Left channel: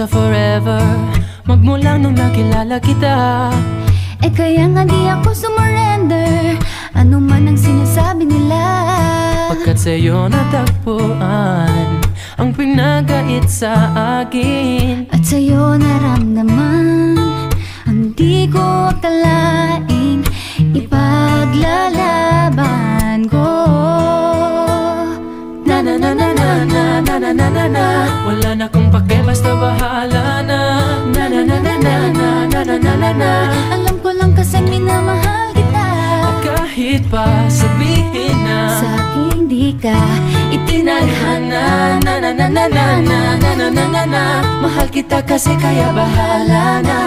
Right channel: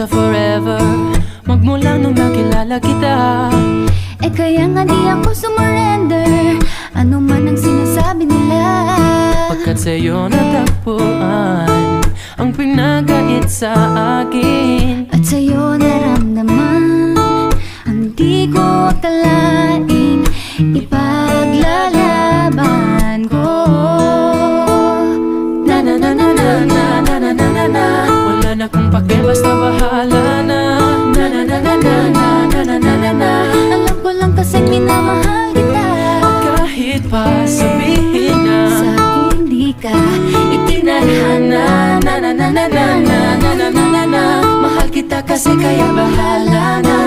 sa forever, magmula nung nakilala kita. Eh kaya nga di ako sumurrender, ano man ang sinasabi nila. Pagkat sa'yo natagpuan ang pinagait sa akin, At sa'yo naramdaman ang di ko akalaing ipaglalaban ko. na na na na na na na na na na na. Wala na kong pake, basta bahala na. Na na na na na na na na na na na. Alam ko lang kasing minamahal kita. Kahit pa sabihin na Sa akin di ka itinadhana. Na na na na na na na na na na na. Mahal kita kasi kaya bahala na.